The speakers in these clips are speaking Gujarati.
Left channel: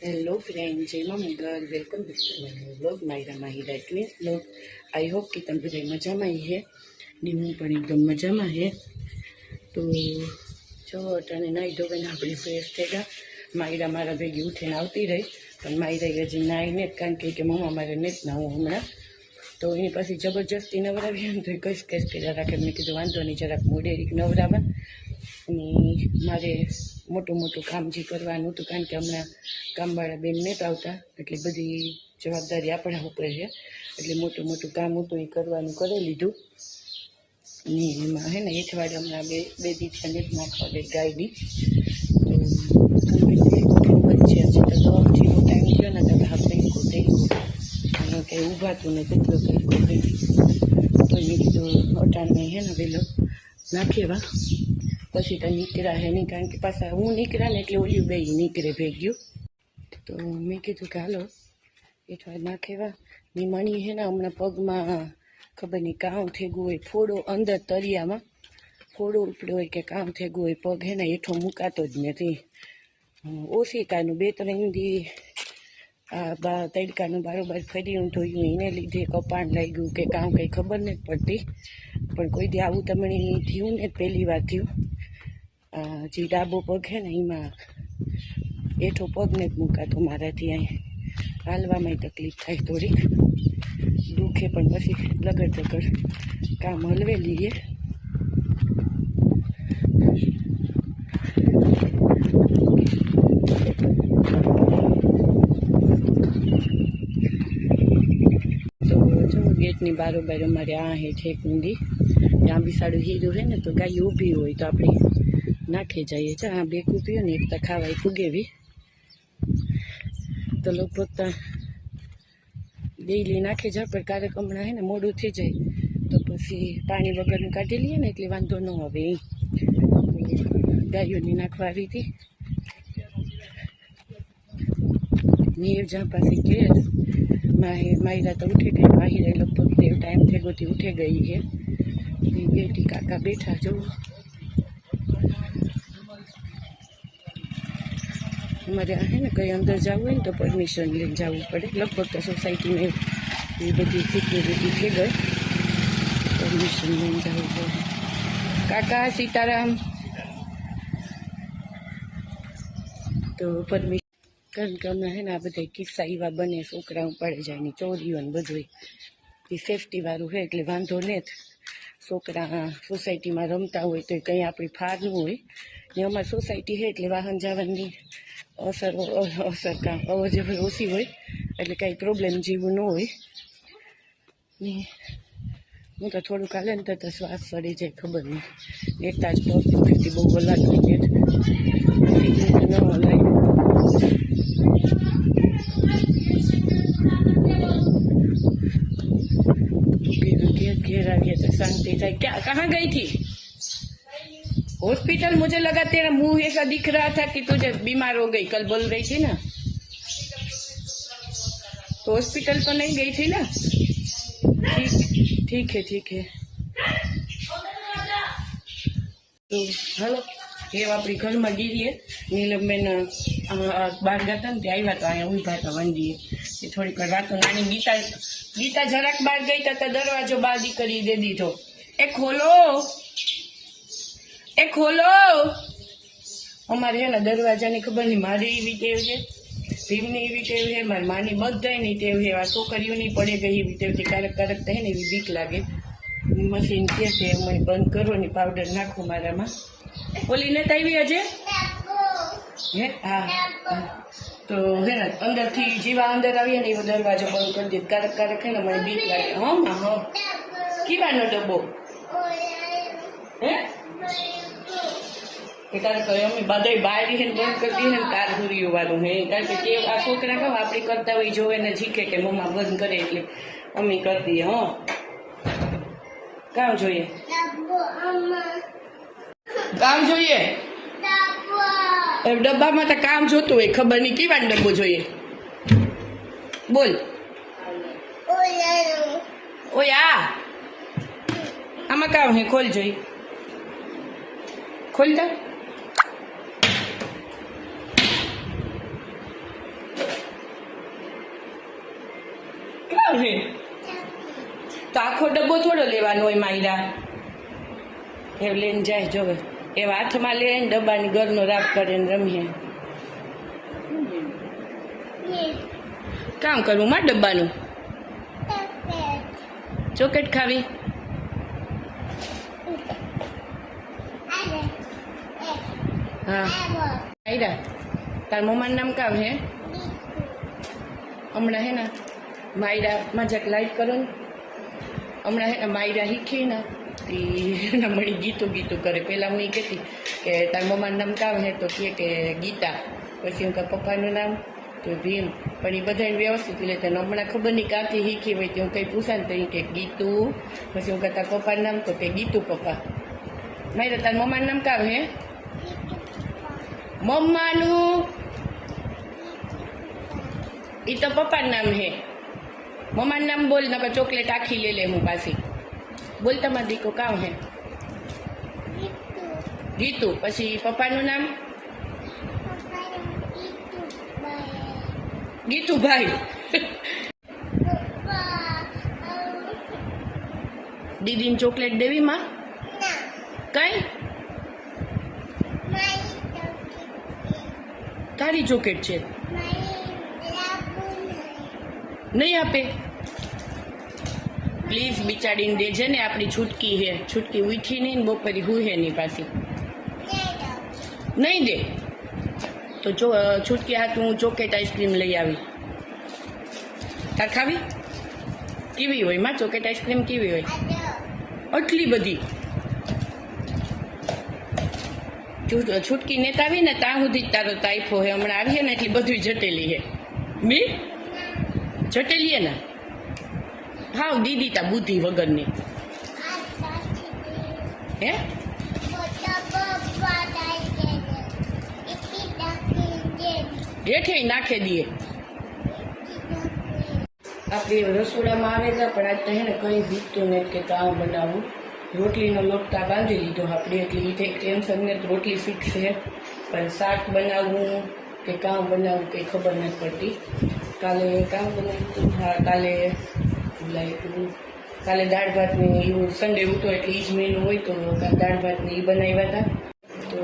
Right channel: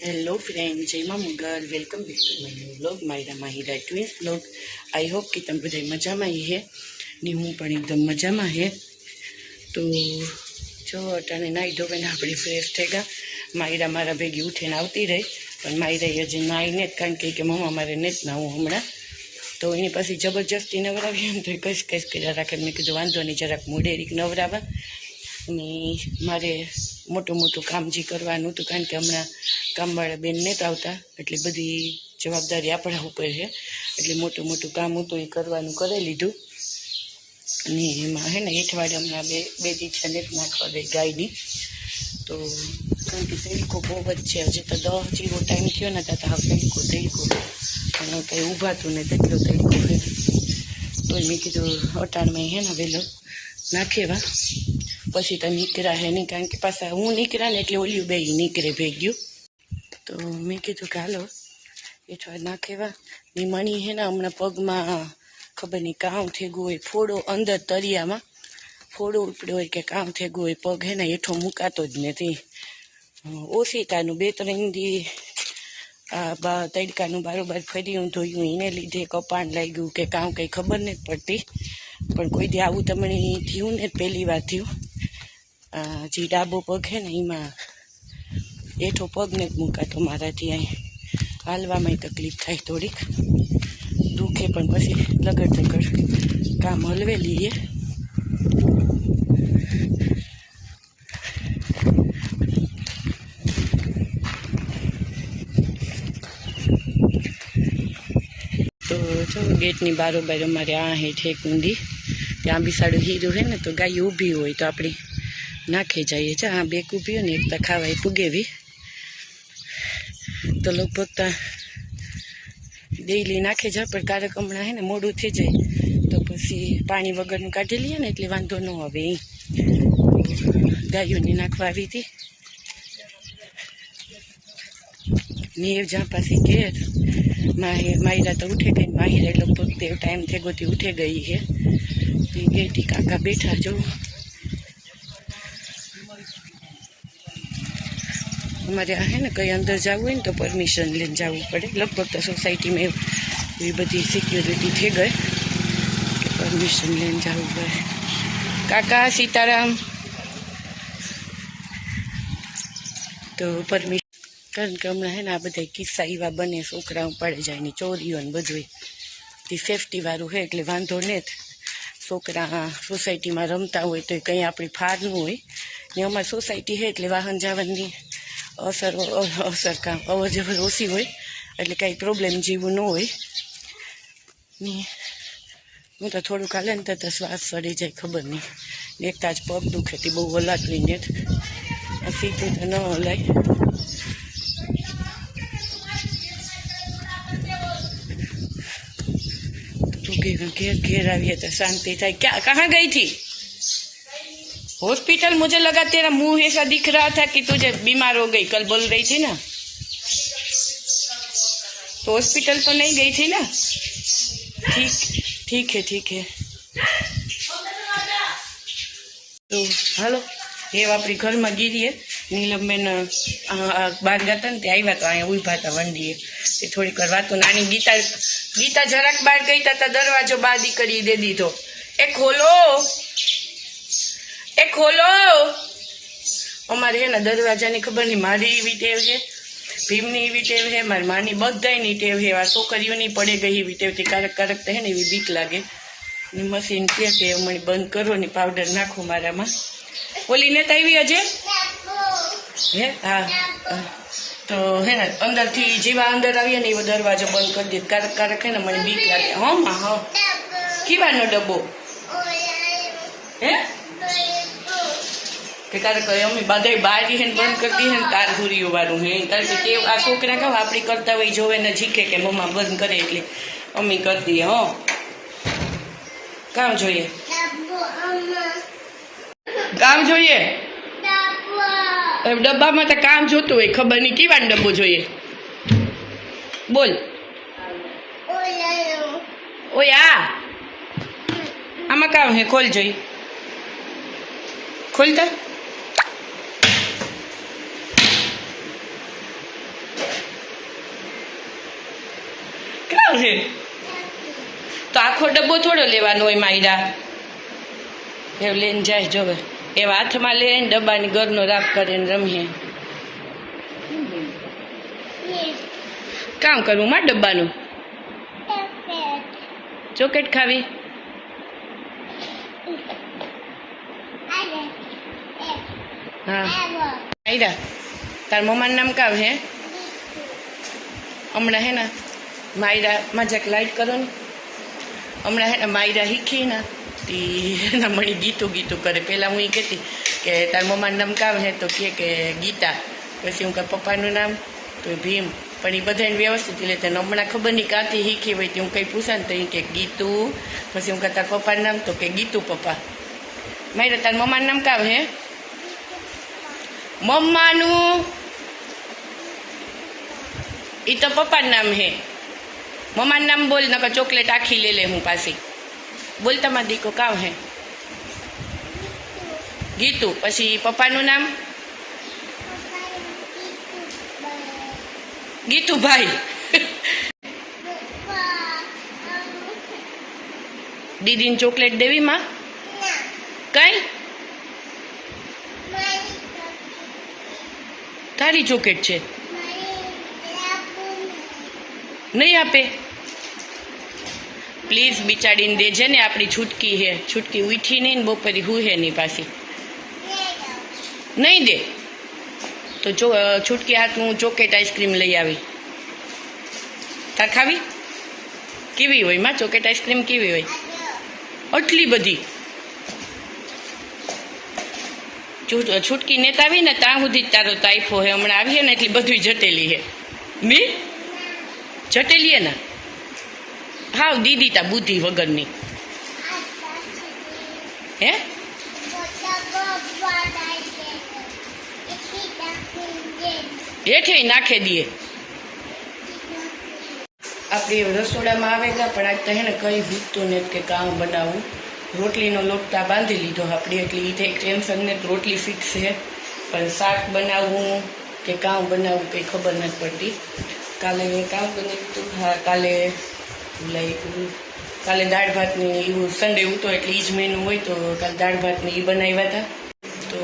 હેલો ફ્રેન્ડ, જય મા Mughal. Welcome back to my new blog, Myra Mahira twins blog. I hope કે તમે બધા મજામાં હે ને હું પણ એકદમ મજામાં હે. તો જો અટાણે નાહી ધોઈને આપણે ફ્રેશ થઈ ગયા. માયરા મારા ભેગી ઉઠીને આવતી રહી, પણ માયરા હજી નાહીને જ, કારણ કે મમ્મા મારે ને જ નાહું હમણાં. તો એની પછી જબરજસ્તી નવરાવી ને તો કશ કર્યા રાખે. મેં કીધું વાંધો નહીં, જરાક મોડેરીક નવરાવા. અને મારે મોટું કામ જે કરવાનું હતું, કારણ કે હમણાં કામવાળા બેન નહોતા આવતા, એટલે બધી જવાબદારી આપણા ઉપર છે. એટલે મોટું કામ હતું એ કરવાનું કરી લીધું. અને એમાં હે ને એઠવાડે હમણાં બે દીઠા નેટ નાખવા ગઈ ગાયની. તો કારણ કે તડકો બહુ જ છે, હજી તો 10 જેવો ટાઈમ થયો ને ત્યાં હા તડકો અને કંઈ ઊભાતું ને તેટલો તડકો હે. તો મેં કીધું અટાણ મેં હે ને વહેલો નાખેવા, પછી તો નીકળ્યા હે નહીં, કારણ કે પાછા હું નીકળ્યા ને એટલે ઓલી બે નીકળે ભેગ્યું. તો મેં કીધું કે હાલો એઠવાડ નાખેવા. ની મણી હે ને હમણાં પગમાં ખબર નહીં કામ થઈ ગયું હોય, ફોડો અંદર તરિયામાં ફોડો ઉપડ્યો હોય કે કામ થઈ ગયું હોય, પગ હે ને હેઠો મુકાતો જ નથી. ઓશિકાનું 2-3 દી આ તડકાનું બારોબાર ફર્યું ધોયું, એને લીધે કપાણ લાગ્યું કે કામ કંઈ ખબર નથી પડતી. પણ કોઈ દી આવું તમને થયું ને પહેલી વાર થયું. જે ડાબો પગ છે ને એમાં હેઠો પગ ને જ મુકાતો મારાથી. અહીં હાલવામાં તકલીફ થાય, થોડીક દુખે, પણ પછી લગડ કામ હલવે લઈએ. તો જો ગેટની બારોબાર અમારે આ હે ઠેક ઊંધી, ત્યાં બી સાડું હીરું હે ને, તો ગાય ઊભી હોય તો આપણે નાખી જઈએ છે. આ બે ઊભી હોય ને એક તો ખાવાય પૂગેવી. તો લગભગ તો ડેઈલી નાખી જાય, પણ ક્યારેક હમણાં હે ને મોડું થઈ જાય તો પછી પાણી વગરનું કાઢી લઈએ ને એટલે વાંધો ન આવે. એ ગાયોની નાખવા આવી હતી નીર જ્યાં પાછી ઘેર માહિરા તો ઉઠે ગઈ. માહિરા લગભગ તે ટાઈમ થઈ ગયો ઉઠે ગઈ છે. ગેટી કાકા બેઠા જો. અમારે આ હે ને કંઈ અંદર જવું હોય ને તો પરમિશન લઈને જવું પડે. લગભગ તો સોસાયટીમાં એવી બધી સિક્યોરિટી થઈ ગઈ કે પરમિશન લઈને જવું પડે. કાકા સીતારામ. તો પરમિશન, કારણ કે હમણાં હે ને આ બધા કિસ્સા એવા બને, છોકરા ઉપાડે જાય ને ચોરીઓ ને બધું. તે સેફટીવાળું છે એટલે વાંધો નહીં. છોકરા સોસાયટીમાં રમતા હોય તો કંઈ આપણી ફારનું હોય ને. અમારી સોસાયટી છે એટલે વાહન જવાની અવર જવર ઓછી હોય, એટલે કાંઈ પ્રોબ્લેમ જેવું ન હોય ને. હું તો થોડુંક હાલે ને તો શ્વાસ ચડી જાય, ખબર નહીં. ને એકતા જ પગ દુખેથી બહુ હલાતું ને સીધું તો ન હલાય. घेर आवी तो शांति था। क्या कहाँ गई थी? हॉस्पिटल। मुझे लगा तेरा मुंह ऐसा दिख रहा था कि तुझे बीमार हो गई, कल बोल रही थी ना। तो हॉस्पिटल तो नहीं गई थी ना? ठीक है। तो हेलो, ये अपनी घर में गिरी है। नीलमबेन बार गया ने आव्या तो अँ उभा था वंडीए। थोड़ी વાર વાતો નાની ગીતા જરાક બહાર ગઈ તો દરવાજો બાદી કરી દે દીધો. એ ખોલો. અમારે હે ને દરવાજાની ખબર નહીં, મારી એવી ટેવ છે, ભીમની એવી ટેવ છે, મારી માની બધાની ટેવ છે. આ છોકરીઓની પડે ગઈ એવી ટેવથી કારક તો હે ને એવી બીક લાગે. મશીન કે મને બંધ કરો ને પાવડર નાખો મારામાં. ઓલી ને આવી હજે હે? હા. તો હે ને અંદરથી જેવા અંદર આવીએ ને એવો દરવાજો બંધ કરી દે. કારક હે ને મને બીક લાગે. હા કીવાનો ડબ્બો હે કે કારક અમે બધા બારી હે બંધ કરી દઈએ ને તાર હુરીઓ વાળું હે. કારણ કે તે આ છોકરા કહો આપણી કરતા હોય જોવે ને શીખે કે મમ્મા બંધ કરે એટલે અમે કરી દઈએ. કામ જોઈએ ડબ્બામાં તો કામ જોતું હોય, ખબર નહીં કેવાનો ડબ્બો જોઈએ. બોલ. ઓય આમાં કામ હે? ખોલ જોઈ, ખોલતા કામ છે તો આખો ડબ્બો થોડો લેવાનો હોય માયરા એવું લઈને જાય જોવે એવા હાથમાં લઈને ડબ્બાની ઘરનો રાપ કરીને રમીએ કામ કરવું માં ડબ્બાનું ચોકેટ ખાવી હા આયરા તાર મમ્માનું નામ કામ હે હમણાં હે ને માયરા મજાક લાઈટ કરો ને હમણાં હે ને માયરા શીખી ને એના મળી ગીતું કરે પહેલાં હું એ કહેતી કે તાર મમ્માનું નામ કામ હે તો કે ગીતા પછી હું કાંઈ પપ્પાનું નામ તો ભીમ પણ એ બધાને વ્યવસ્થિત લેતે હમણાં ખબર નહીં કાંથી શીખી હોય તો હું કંઈ પૂછા ને તો એ કે ગીતું પછી હું કાં તાર પપ્પાનું નામ તો કે ગીતું પપ્પા માયરા તાર મમ્માનું નામ કામ હે મમ્માનું એ તો પપ્પાનું નામ હે મમ્માનું નામ બોલ નકર ચોકલેટ આખી લે હું પાછી બોલ તમારા દીકો કામ હે ગીતુ પછી પપ્પાનું નામ ગીતુભાઈ દીદીને ચોકલેટ દેવી માં કઈ તારી ચોકલેટ છે નહીં આપે પ્લીઝ બિચાડીને દેજે ને આપણી છૂટકી હે છૂટકી ઉઠી નહીં ને બપોરે હુહે નહીં પાછી નહીં દે તો છૂટકી હાથ હું ચોકેટ આઈસ્ક્રીમ લઈ આવી તાર ખાવી કેવી હોય માં ચોકેટ આઈસ્ક્રીમ કેવી હોય આટલી બધી છૂટકી નેતા આવી ને ત્યાં સુધી તારો તાઇફો હે હમણાં આવી ને એટલી બધું જટેલી હે મી જટેલી હે ને હાવ દીદી તા બુદ્ધિ વગરની હે હેઠે નાખે દઈએ આપણે રસોડામાં આવે ગયા પણ આજ તો હે ને કંઈ ભૂખતું ને કે કામ બનાવવું રોટલીનો લોટતા બાંધી લીધો આપણે એટલે એ ટેન્શન ને રોટલી ફિક્સ છે પણ શાક બનાવવું કે કામ બનાવવું કંઈ ખબર નથી પડતી કાલે કામ બનાવ્યું હતું હા કાલે દાળ ભાતને એવું સન્ડે ઉતો એટલે એ જ મેનુ હોય તો દાળ ભાતને એ બનાવ્યા હતા તો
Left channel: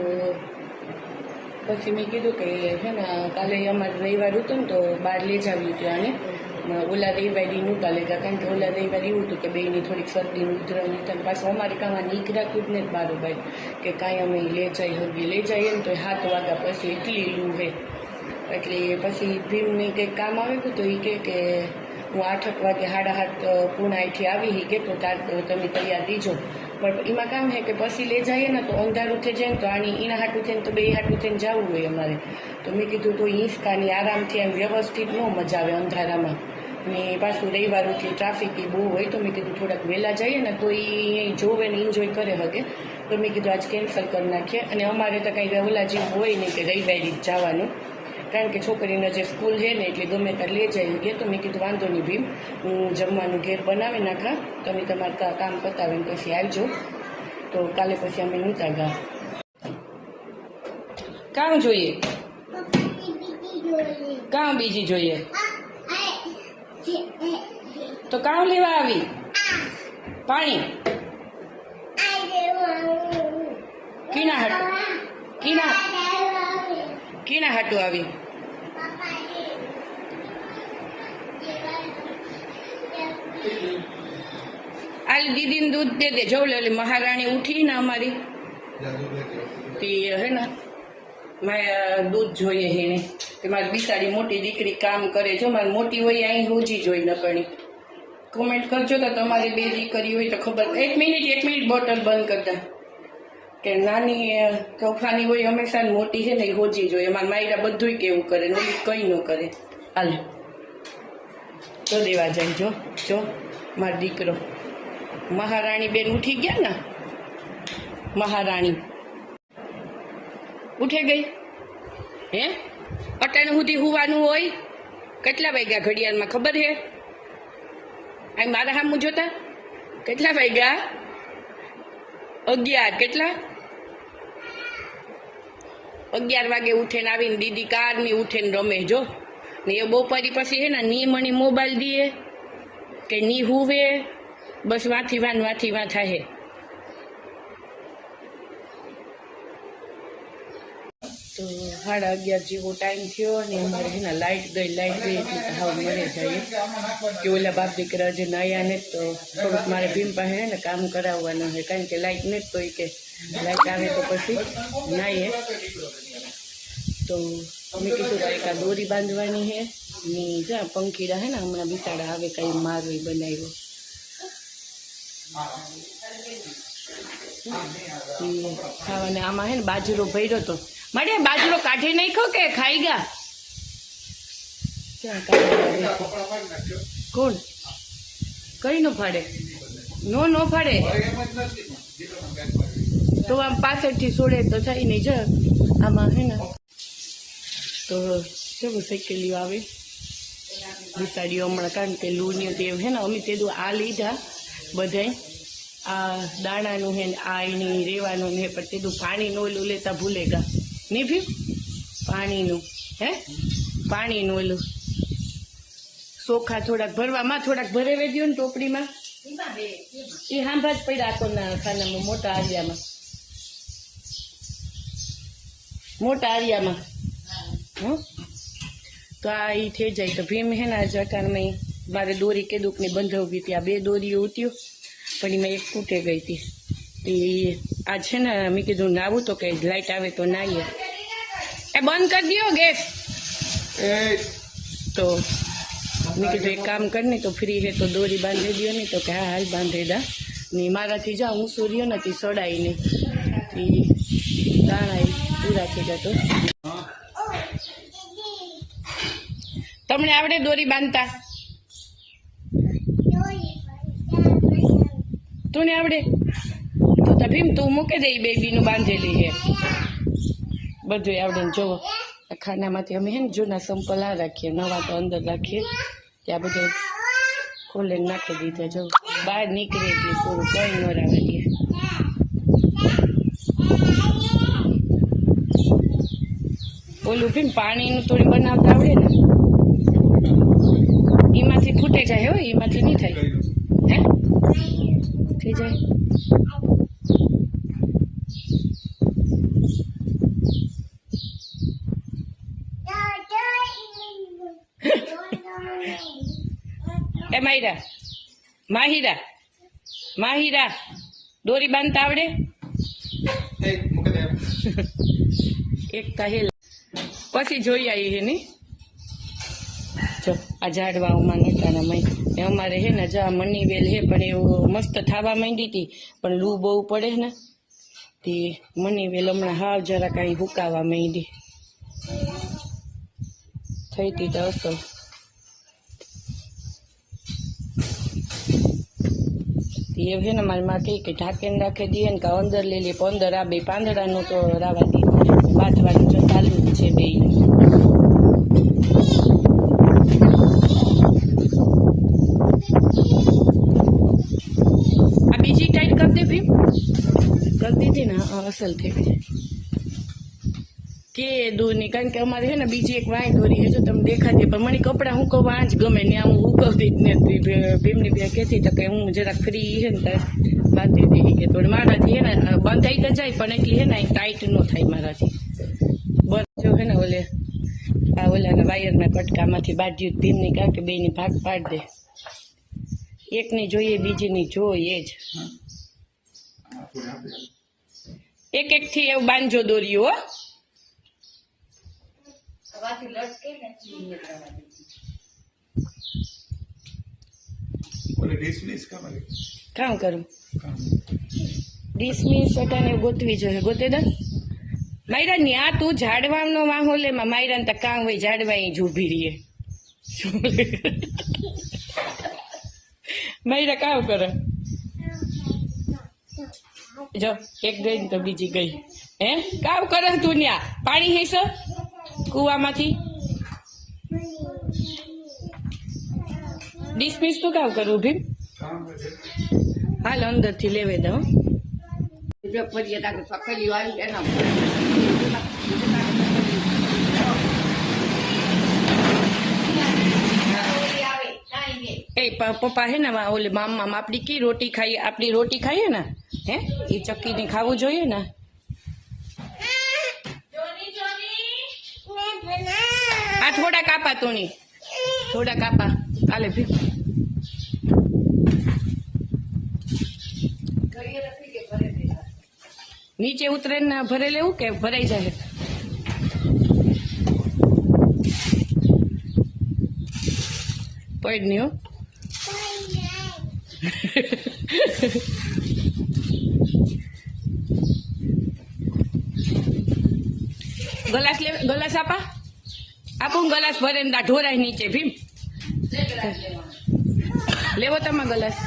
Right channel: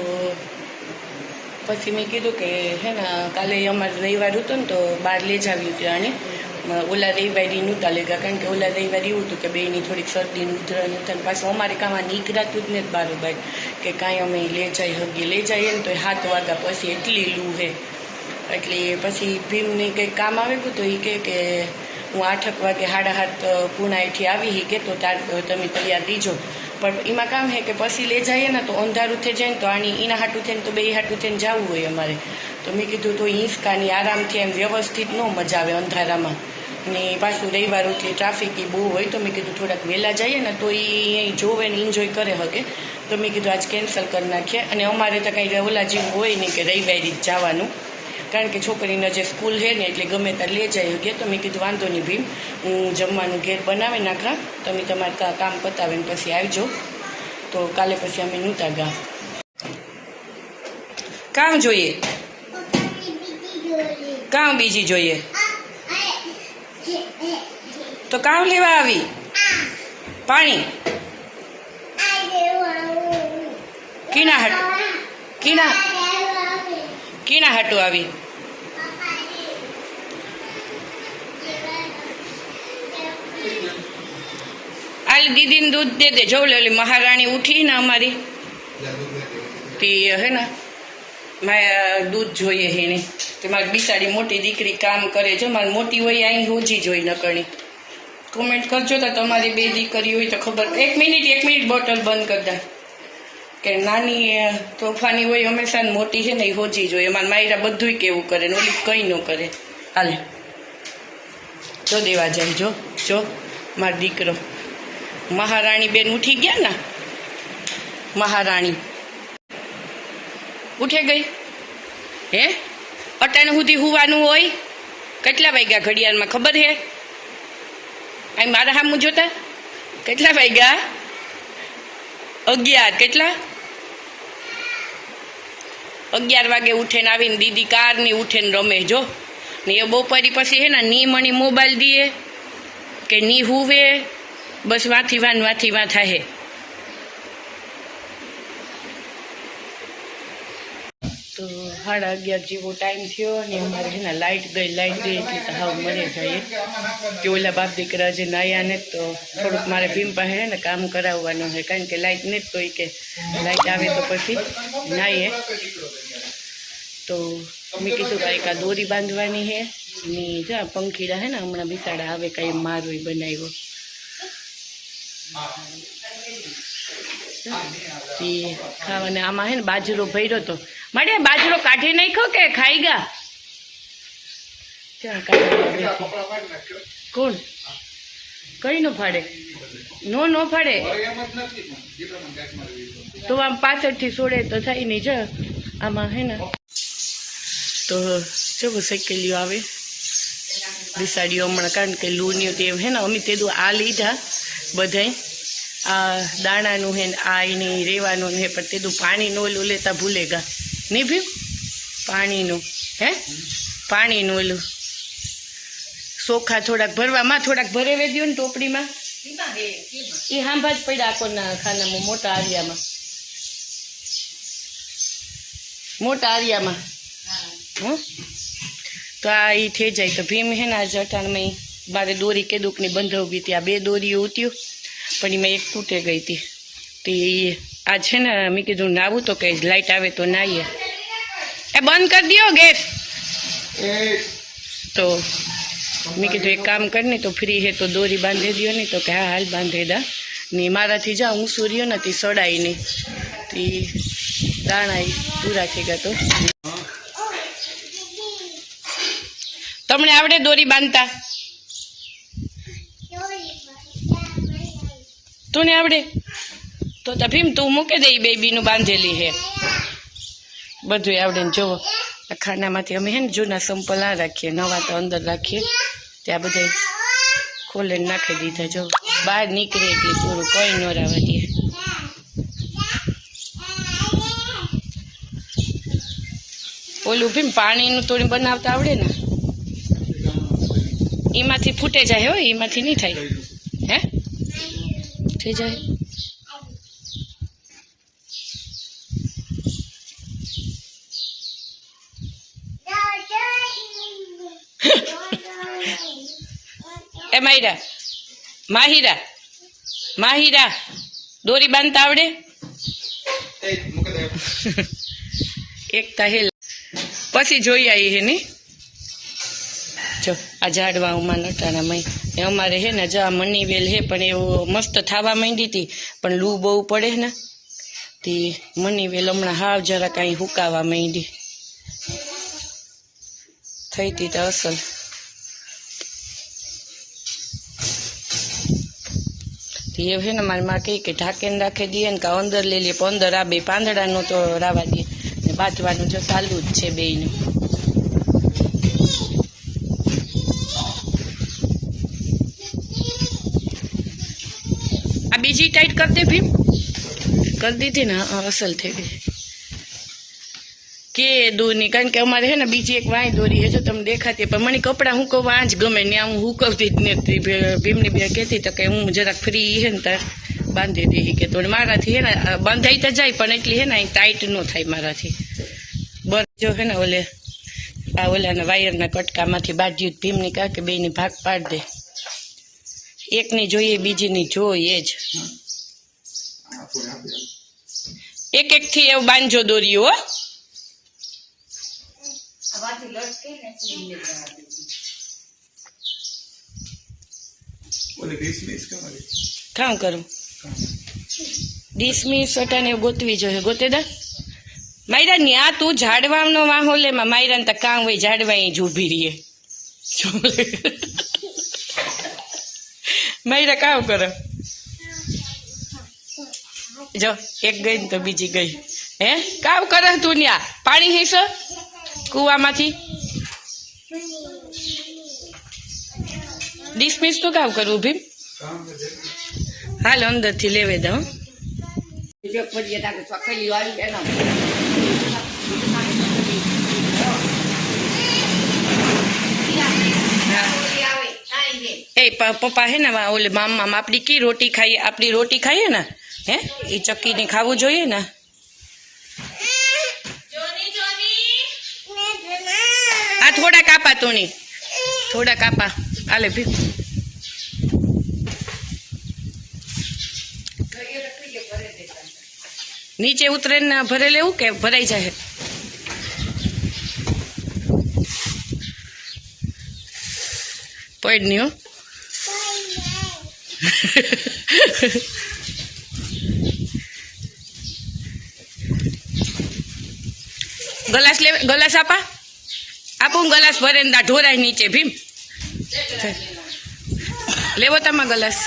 પછી મેં કીધું કે હે ને કાલે અમારે રવિવાર હતો ને તો બહાર લઈ જ આવ્યું હતું આને ઓલા રવિવારી નહોતા લેગા કારણ કે ઓલા રવિવારી એવું હતું કે બેની થોડીક શરદીનું ઉધરણ ઉધરણ પાછું અમારે કામાં નીકળાતું જ ને જ બારોબાર કે કાંઈ અમે લઈ જઈએ ને તો 7 વાગ્યા પછી એટલી લૂ હે એટલે પછી ભીમને કંઈક કામ આવે તો એ કે હું 8 વાગે 7:30 પૂણા અહીંથી આવી કે તો તમે તૈયાર દીજો પણ એમાં કામ હે કે પછી લઈ જઈએ ને તો અંધારું થઈ જાય ને તો આની એના હાટું થઈને તો બે હાટું થઈને જવું હોય અમારે તો મેં કીધું તો હિંચકાની આરામથી એમ વ્યવસ્થિત ન મજા આવે અંધારામાં ને પાછું રવિવાર એટલે ટ્રાફિક એ બહુ હોય તો મેં કીધું થોડાક વહેલા જઈએ ને તો એ જોવે ને એન્જોય કરે શકે તો મેં કીધું આજ કેન્સલ કરી નાખીએ અને અમારે તો કંઈ ઓલા જેવું હોય નહીં કે રવિવારી જ જવાનું કારણ કે છોકરીને જે સ્કૂલ છે ને એટલે ગમે ત્યારે લઈ જઈ શકીએ તો મેં કીધું વાંધો નહીં ભીમ હું જમવાનું ઘેર બનાવી નાખા તમે તમારે કામ પતાવીને પછી આવજો તો કાલે પછી અમે નહોતા ગયા કામ જોઈએ કામ બીજી જોઈએ તો કામ લેવા આવી પાણી કીના હાટું આવી આલી દીદીને દૂધ દે દે જવું લે ઓલી મહારાણી ઉઠી ને અમારી તે હે ને દૂધ જોઈએ એને તે મારી બિચારી મોટી દીકરી કામ કરે જો મારી મોટી હોય અહીં હોજી જોઈ નકણી કોમેન્ટ કરજો તો તમારી 2 દીકરી હોય તો ખબર 1 મિનિટ બોટલ બંધ કરતા કે નાની તોફાની હોય હંમેશા મોટી છે ને એ હોજી જોઈએ મારા માયરા બધુંય કેવું કરે ને ઓલી કંઈ ન કરે હાલે જો દેવા જાય જો મારો દીકરો મહારાણી બેન ઉઠી ગયા ને મહારાણી ઉઠે ગઈ હે અટાણે સુધી હુવાનું હોય કેટલા વાગ્યા ઘડિયાળમાં ખબર હે આ મારા સામું જોતા કેટલા વાગ્યા 11 કેટલા 11 વાગે ઉઠે ને આવીને દીદી કારની ઉઠે ને રમે જો ને એ બપોરી પછી હે ને નીમણી મોબાઈલ દીએ કે ની હુવે બસ વાથી વાં થાય. તો 11:30 જેવો ટાઈમ થયો અને અમારે છે ને લાઇટ ગઈ એટલે તો હાવ મરે જાય કે ઓલા બાપ દીકરા જે નાયા ને તો થોડુંક મારે ભીમ પાસે ને કામ કરાવવાનું છે, કારણ કે લાઇટ ને તો કે લાઇટ આવે તો પછી નાઈએ. તો મેં કીધું કે એક આ દોરી બાંધવાની છે ને જા પંખીડા હે ને હમણાં બિસાડા આવે કાંઈ મારો બનાવ્યો ખાવાને. આમાં હે ને બાજરો ભર્યો તો મારે બાજરો કાઢી નાખ્યો કે ખાઈ ગયા? કોણ કઈ નો ફાડે? નો ફાડે તો આમ પાછળથી છોડે તો થાય નહીં. જ આમાં હે ને તો ચલો સાયકલીઓ આવે બિસાડીઓ હમણાં, કારણ કે લૂણીઓ તે હે ને અમે તેદું આ લીધા બધાય આ દાણાનું હે ને આ એની રેવાનું હે, પણ તેદું પાણીનું ઓલું લેતા ભૂલે ગા નહીં ભીમ? પાણીનું હે પાણીનું ઓલું ચોખા થોડાક ભરવામાં થોડાક ભરેવે દો ને ટોપડીમાં. એ હાંભા જ પડ્યા આખોના ખાનામાં મોટા આરિયામાં હં. તો આ એ થઈ જાય તો ભીમ હે ને આજે અટાણમાં મારે દોરી કેદુકની બંધાવવી હતી. આ 2 દોરીઓ ઉત્યું પણ એમાં એક તૂટે ગઈ હતી. તો એ આ છે ને મેં કીધું નાવું તો કે લાઇટ આવે તો નાહીએ. એ બંધ કરી દો ગેસ. તો મેં કીધું એક કામ કરીને તો ફ્રી હે તો દોરી બાંધી દો નહીં, તો કે હા હાલ બાંધી દા ને મારાથી જા હું સૂર્યો નથી સડાઈ નહીં તે દાણા પૂરા થઈ ગયા. તો તમને આવડે દોરી બાંધતા? તું ને આવડે તો ભીમ તું મૂકી દે. બેબીનું બાંધેલી હે બધું આવડે ને. જોવો આ ખાનામાંથી અમે હે ને જૂના સંપલ આ રાખીએ, નવા તો અંદર રાખીએ. ત્યાં બધા ખોલે નાખી દીધા. જો બહાર નીકળે એટલે પૂરું કોઈ ન રાવા દે. ઓલું ભીમ પાણીનું થોડું બનાવતા આવડે ને એમાંથી ફૂટે જાય. હો એમાંથી નહીં થાય. હે થઈ જાય. એ માહિરા દોરી બાંધતા આવડે? એકતા હેલ પછી જોઈ આવી હે ને. જો આ ઝાડવામાં નટાણામાં અમારે હે ને જા મની વેલ હે, પણ એવું મસ્ત થવા માંડી હતી પણ લૂ બહુ પડે ને તે મની વેલ હમણાં હાવ જરા કાંઈ હુકાવા માંડી થઈ હતી તો અસલ. એ છે ને મારી માં કહી કે ઢાંકીને રાખી દઈએ ને કાં અંદર લઈ લઈએ, પણ અંદર આ 2 પાંદડાનું તો રાવા દઈએ. બાંધવાનું જો ચાલુ જ છે બેયનું. આ બીજી ટાઈટ કરી દે ભીમ. કરી દીધી ને અસલ થઈ ગઈ કે દોરની, કારણ કે અમારે છે ને બીજી એક વાંય દોરી છે જો તમે દેખાતી, પણ મને કપડાં હું કહું આજ ગમે ને હું હુકવતી જ નથી. ભીમની બે કહેતી તો કે હું જરાક ફ્રી છે ને ત્યાં બાંધી દઈ કે તો મારાથી હે ને બંધાઈ તો જાય પણ એટલી હે ને ટાઈટ ન થાય મારાથી. બર જો હે ને ઓલે આ ઓલાના વાયરના કટકામાંથી બાજ્યું ભીમની કાં કે બેની ભાગ પાડી દે. એકની જોઈએ બીજીની જોઈએ જ. એકથી એવું બાંધજો દોરીઓ. હો કામ કરું ડિસમિસ અટાને ગોતવી જોઈએ. ગોતે દા માયરા ને આ તું ઝાડવાનો વાહો લે માયરા ને કામ હોય ઝાડવા જ ઊભી રહીએ. માયરા કામ કરો. જો એક ગઈ ને તો બીજી ગઈ. હે કામ કરે તું ન્યા પાણી હેસ કુવામાંથી ડિસમિસ તો કામ કરવું ભીમ. હાલ અંદરથી લેવે દઉં. એ पप्पा है ना वहाँ ओले मामा अपनी की रोटी खाइए अपनी रोटी खाइए ना है ये चक्की ने खाવું જોઈએ ને આ થોડા કાપા તોની થોડા કાપા આલે ભી નીચે ઉતરે ને ભરે લેવું કે ભરાઈ જાય પડ નહીં હો ગલાસ લે ગલાસ આપું ગલાસ ભરે ને ઢોરાય નીચે ભીમ લેવો તમે ગલાસ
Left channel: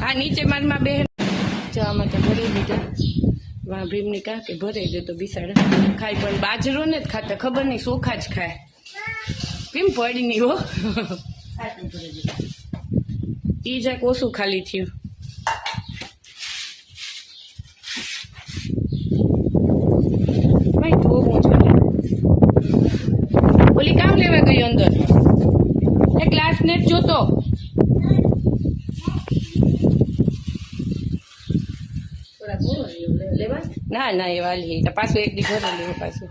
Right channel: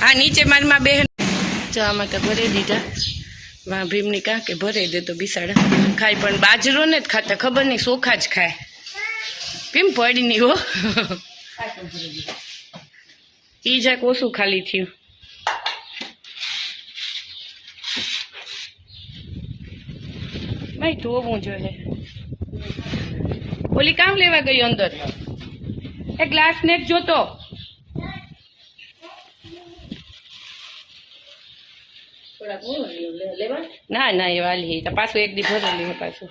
હા નીચે મારમાં બેન જો આમાં તો ભરી દીધા વાં ભીમની કાં કે ભરે દે તો બિસાડા ખાય પણ બાજરો ને જ ખાતા ખબર નહીં ચોખા જ ખાય ભીમ પડી નહીં હો ઈ જાક ઓછું ખાલી થયું ભાઈ ધોવું જોઈએ ઓલી કામ લેવા ગઈ અંદર એ ગ્લાસ ને જ જોતો ના ના એ વાલી પાછું એક દી ભરે લેવું પાછું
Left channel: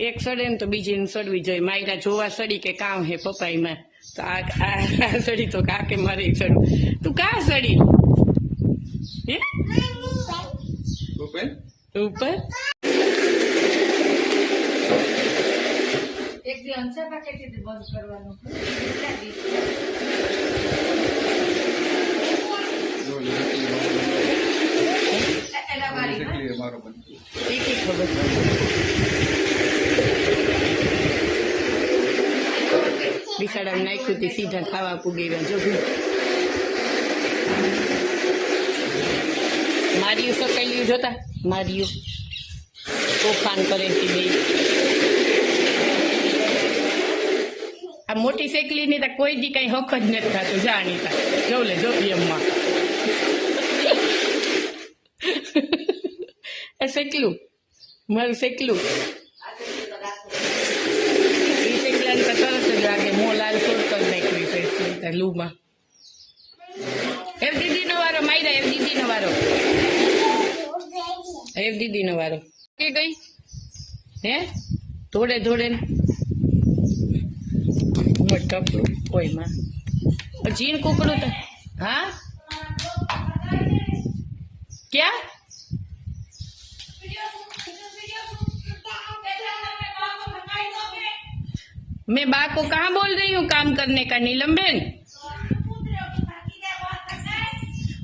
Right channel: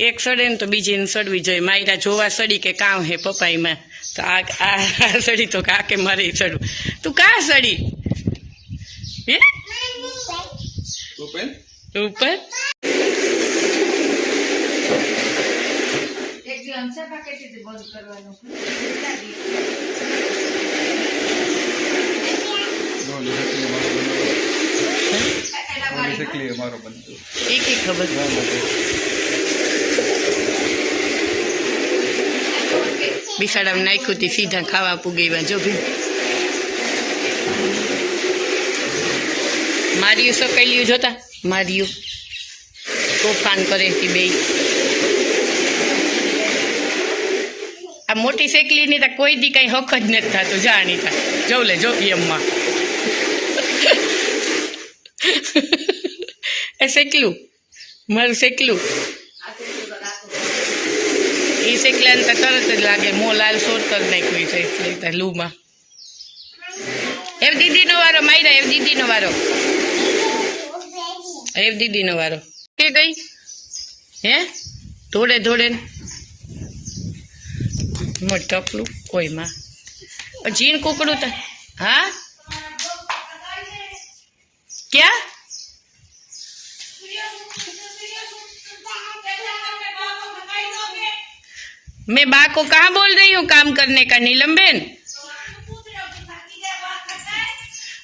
એક સડે ને તો બીજીને સડવી જોઈએ માયરા જોવા સડી કે કામ હે પપાઈમાં તો આ સડી તો કાકે મારે સડવું તું કા સડી હે ઉપર એક ખબર બિસાડા નાખ્યું હતી સીધા ખાવા પૂગેવા જો ભી માર્યું સકેલ્યું જોતા માર્યું તોફાન કરે બે આ મોટી શેકલી ની તો કોઈ દી કઈ હક જ નથી થતું જાણીતા જોવ લે જો એમમાં એ શેકલું મારું શેકલું એ શેકલા તો તરત જ લાગે મો લાલ સોર કરી નાખ્યું છે લૂમાં એવ દીદીનો વારો માયરા એવ દીદીનો વારો એવ દીદીનો વારો કે ગઈ હે ધોડે ધોડે ટપલું ઓયમાં જીણ કુકડું તો હા क्या मैं बा को कहाँ बोल रही हूँ काम करने का नीलम बहन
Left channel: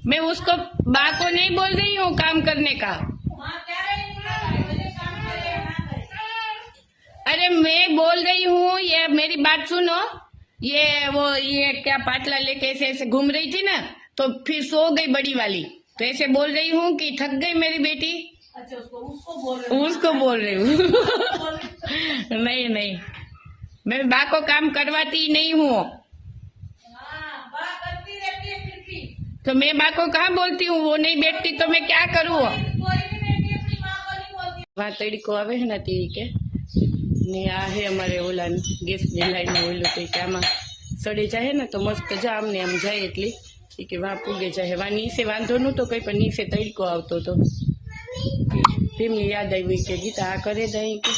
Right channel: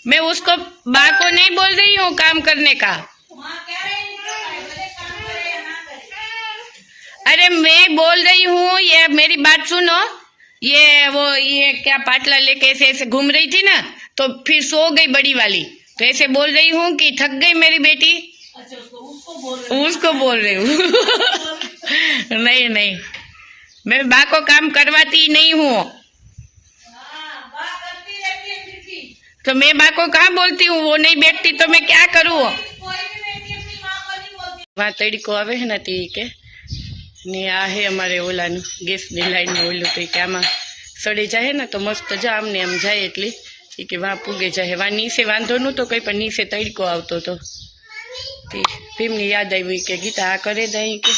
मैं उसको बा को नहीं बोल रही हूँ काम करने का अरे मैं बोल रही हूँ ये मेरी बात सुनो ये क्या पाटला लेके ऐसे ऐसे घूम रही थी ना तो फिर सो गई बड़ी वाली तो ऐसे बोल रही हूँ कि थक गई मेरी बेटी अच्छा उसको बोल रही हूँ नहीं नहीं मैं बा को काम करवाती नहीं हूँ तो मैं बा को कहाँ बोलती हूँ वो नहीं बैठती तो मैं क्या करूँ वहाँ तड़को आवे है ना ती के ने आ है हमारे ओला गैस ने लाइन में ओलू तो क्या आम सड़े जाए ना तो मस्त जाम ने आम जाए एटली कि वहाँ पूगे जाए वहाँ नीचे वांधो नहोतो कई पण नीचे तड़को आवतो तो भीमनी याद आई कि गीता आ करे दई के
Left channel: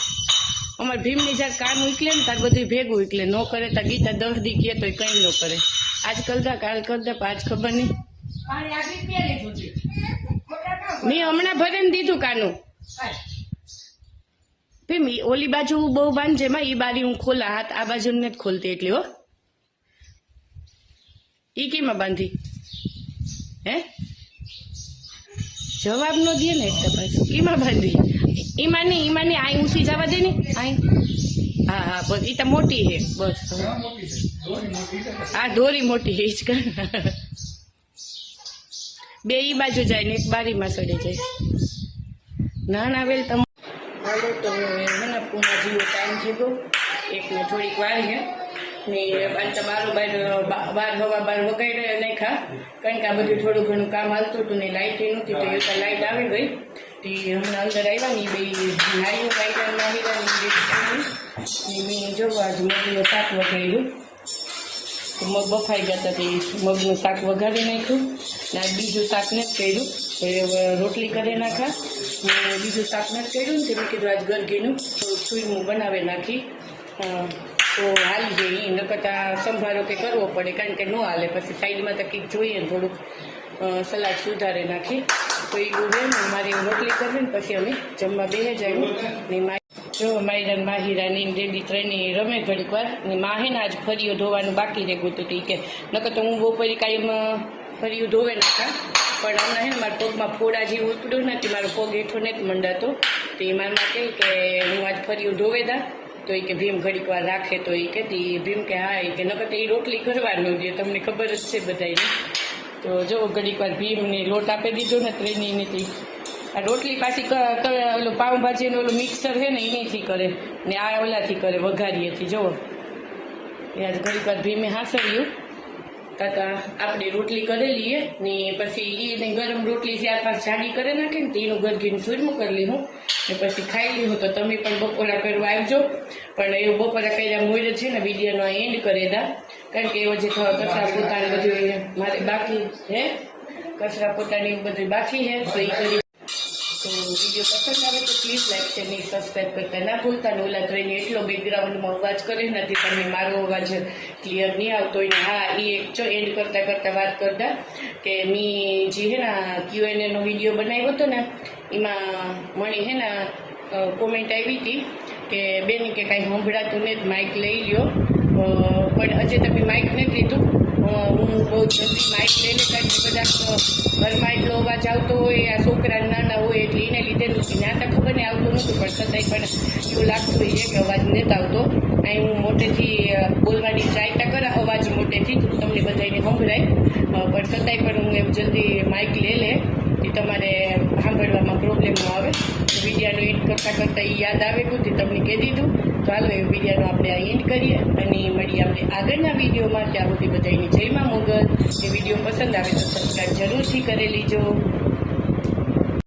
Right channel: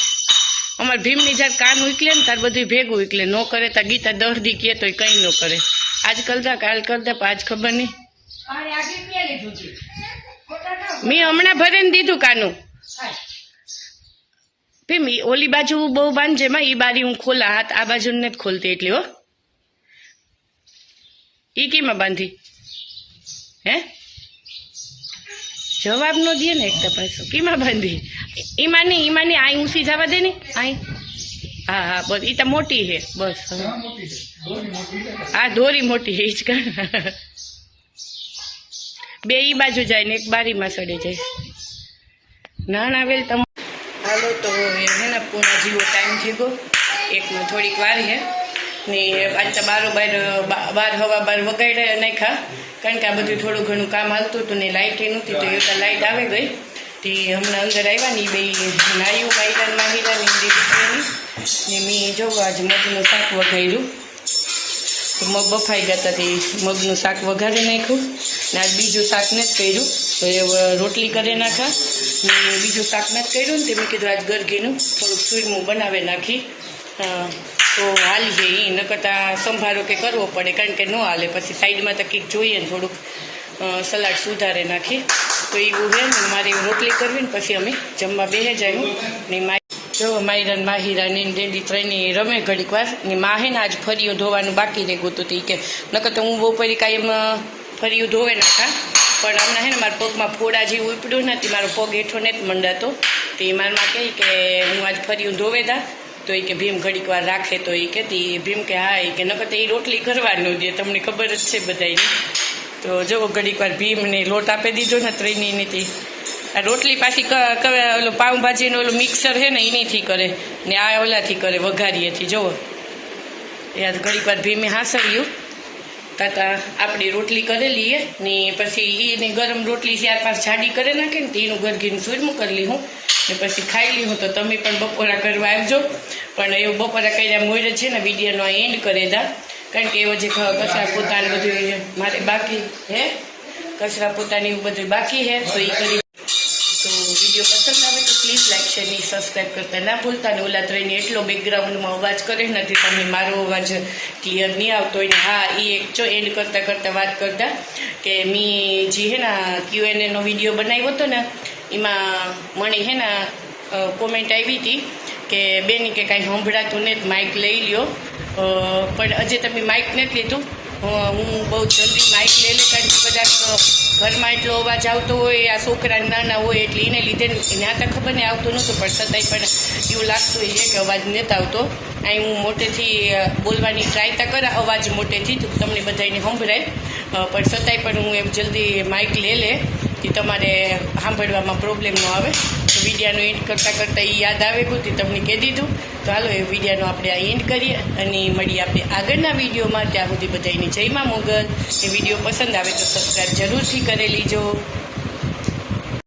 अमर भीमनी जब कान उकले ने तार बधुं भेगुं उकले न करे तो गीता 10 दी कहे तो कई न करे आज करता काल करता आज खबर नहीं मैं हमणा भरे ने दीधुं कानू भीम ओली बाजू बहु बांधजे मां ई बारी हूँ खोला हाथ आ बाजू ने खोलती एटली हो ई केम बांधी हे जवाब नो दिए ने एक पासो केम बांधी ईमा नहीं आई ऊँची जवा दे ने आई हाँ हाँ बस ई तो मोटी है बस हाँ धोरी मोटी है ईज कर बे ई बाजू जाए ने एक बारी में सड़े जाए ना वेल तम हालो तो है ना पूना जीवो टाइम थी गो एक में थोड़ी वार है ને આજ તો બાર હવા બાર વગાડ્યા નાખ્યા, કારણ કે આ બધું થોડું ઘણું કામ હાલતું હતું ને લાઇટ નહોતી, તો એ તો લાઇટ આવી ગઈ. તે હમણાં અંદર આવ્યા ને બે નારીઓ માહિરાની દીકરીની ને મેં જોવા આજે મગનું શાક વઘાર્યું. તો મગ બફાઈ ગયા હતા, તે મગનું શાક વઘારી નાખ્યું ને આજ બીજું શાક નથી કર્યું, તો એ રોટલી કરી નાખા ને બીજું શાક નથી કર્યું ને તે મેં કીધું આજ ગરગીનું થોડુંક સુરમું બનાવી નાખી તો હાલી જાય. એ નકરતા સંભારો કે કરવો પડે, કારણ કે ન હાલે પછી સાઈડમાં તો કંઈક જોઈએ ને થોડુંક સલાડ સુધારે નાખી. તો એવું હે ને મારે રોટલી કરવી ને પછી અમે જમવા બેસી જાય ને જો માયરાન માહિરાની ડેડી ત્રણેય રમે ઘડીક વાર ને માં હે ને આજ ફરીયું ધોવાનું બાકી રહી ગયું હતું. કે નકર તો હું બપોરે કાંઈ એમ ફરીયું ધોવે નાખા, પણ હમણાં હે ને મારા પગમાં ફોડા જેવું ઉપડ્યું નથી, મારો પગ હેઠો નથી મંડાતો. તો એ મારમાં કહે કે હું આજ ફરીયું ધોવે દા, તો એ કે ભીમ ઘડીક વાર રાખે, તો એ કહેતી ભીમ કે હા એ કે નકર તો એ રોટલી કરવાનું દે, તમને ખબર જ છે બધાને. તો જો ઘડીક વાર ભીમને લોટ આપી દીધો ને ત્રણેયની. આ રોટલી પાછી ઓલો પાઉંભાજીનું ઓલું મિક્સર છે ને એનીથી કરે ને આ ઓલાથી કરે વઘારીએથી. જુઓ યાદ ઘડીક વાર ભીમે હાંસવ્યું તાતા આપણે રોટલી કરેલી ને પછી એને ગરમ રોટલી 4-5 જાડી કરી નાખે ને તો એનું ગરગીનું સુરમું કરી લીધું ને પછી ખાઈ લીધું. તો તમે પણ બપોરા કરવા આવજો, પણ એવું બપોરા કર્યા મોડે છે ને વિડીયોનો આ એન્ડ કરી દા, કારણ કે એવો જે કચરા પોતાને બધું મારે બાકી હે, કચરા પોતાની એવું બધું બાકી હે. તો એ કરી તો વિડીયો પસંદ આવે તો પ્લીઝ લાઈક શેર ને સબસ્ક્રાઈબ કરતા ના ભૂલતા. ને ઓલા ત્રણે એટલો બેકગ્રાઉન્ડમાં અવાજ કરે નથી, તમને મારો અવાજ ક્લિયર નહીં આવતો હોય ને. હા એ એક જો એન્ડ કરતાં વાત કરતા કે મેં જે હે ને Q&A વિડીયો બનાવ્યો હતો ને એમાં મને હે ને કોમેન્ટ આવી હતી કે બેની કે કાંઈ સંભળાતું ને માઇક લઈ લ્યો, પણ હજે તમે માઇક નથી લીધું. હું બહુ જલ્દી માઇક લઈ લે, કારણ કે કદાચ ઘરમાં એટલો અવાજ આવતો હોય, આ છોકરા નાના હોય એટલે એને લીધે ત્યાં તો ખબર ને આવતું નહોતું, પણ છતાંય પણ એવું લાગતું હોય કે અવાજ નથી આવતો. અહીં હું મોટેથી બોલવાની ટ્રાય તો કરા, અવાજ મોટેથી જ તમને બધાને સંભળાય, પણ છતાંય પણ હું એમ જલ્દી માઇક લઈ લે કે તમારે સાંભળવામાં પ્રોબ્લેમ ન આવે. તો વિડીયોનો એન્ડ કરતાં એ યાદ આવે ગયું તે તમને કહી દીધું. તો હાલો એ વિડીયોનો આપણે આ એન્ડ કરીએ અને મળીએ આપણે આગળના વિડીયોમાં. ત્યાં સુધી બધાની જય માં મોગલ. એ વિડીયો પસંદ આવે તો સબસ્ક્રાઈબ જરૂરથી કરી લીજો.